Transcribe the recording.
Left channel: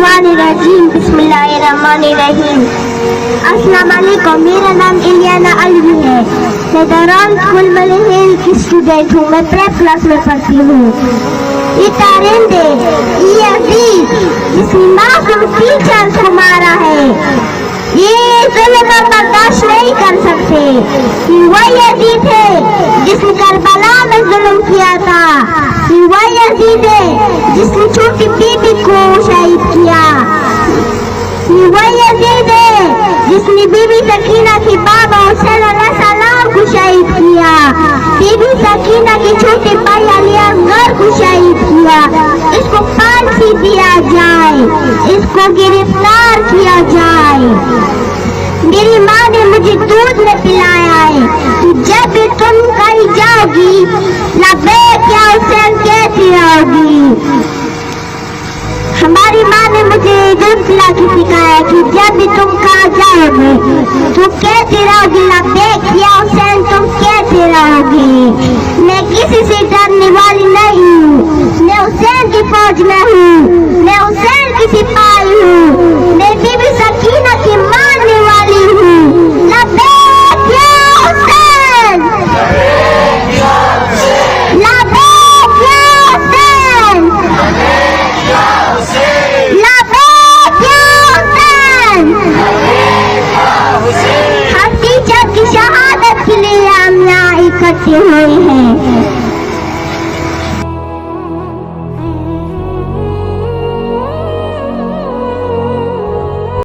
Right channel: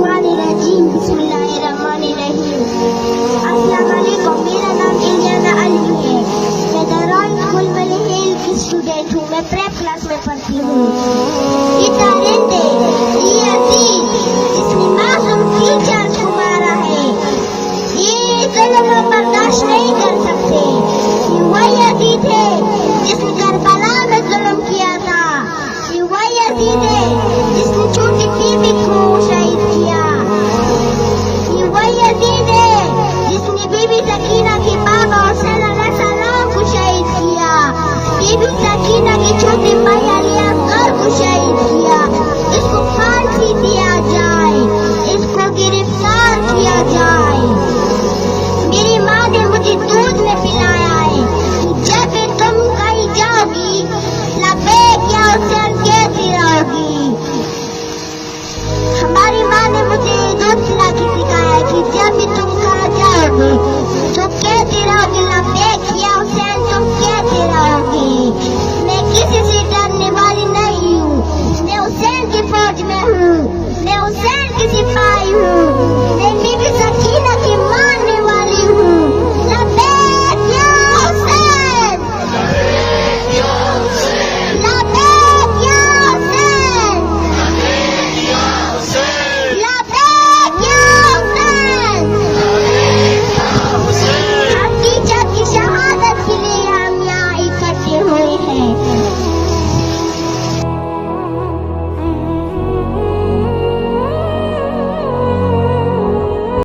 बिस्मिल्लाहिर्रहमानिर्रहीम बिस्मिल्लाहिर्रहमानिर्रहीम। अस्सलाम वालेकुम, मेरा नाम इलियाना अलवी है। मैं दौरान स्कूल मलहिल की स्टूडेंट हूँ। मैं प्रेप क्लास में पढ़ती हूँ। ये तारिंदे ये अजीज जिसने मासूम टीचर को मारा है, ये जुल्म बर्दाश्त नहीं कर सकते। वही अजीज है